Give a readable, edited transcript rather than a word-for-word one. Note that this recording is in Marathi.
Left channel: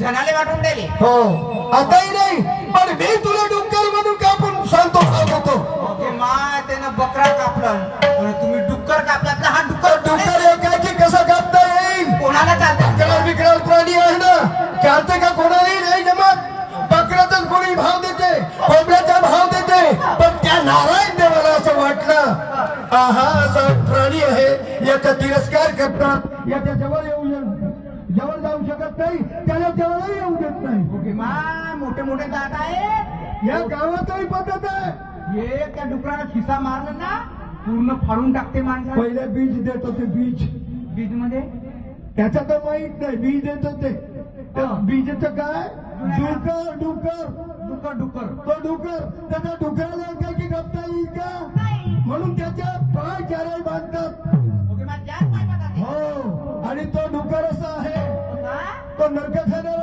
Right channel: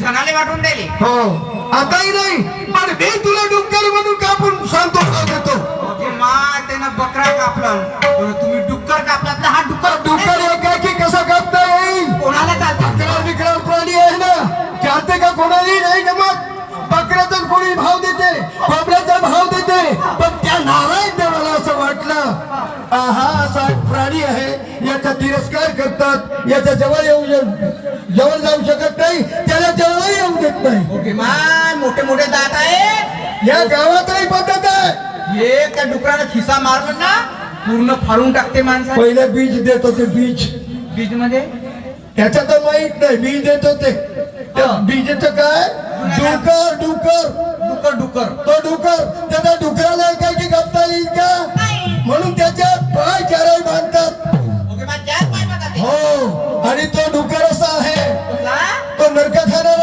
जनाले वाटून दिले. हो आताही नाही पण मी तुला डुक्कर म्हणून कापून सांगतो देतो. म्हणजे मा त्यानं बकरा कापलं पण तुम्ही डुक्कर कापलात ना. हा डुक्कर डुक्कर एकाकी कसा कापता येईल? कोणाला चालतं? बकरा विकराळ प्राणी आहे ना, चालते का? कोणालाही नाही जमत. बकऱ्याचा कोणी भाव देते, कोंबड्याचा भाव देते, पण त्या नारायण देवाला असं वाटलं हा असा प्राणी आहे, याचा तिरस्कार करतात, याच्या जवळ जवळ जाऊ शकत नाही, त्याला जवळ येऊ देत नाही. ओके मान मोठे मोठे दात आहे. या गावातही पद्धत आहे. हे त्या डुकराला खिसा मारलं ना पूर्ण फाडून टाकते माणसा. पहिले बीज देत होते, बीज. बीज मध्ये त्याचा तर माहित नाही, बीज देत होते. बीजचं काय? डुकर डुकर डुकर डुकर तो डुकर. त्याला डुकराला काय की कापता येईल का?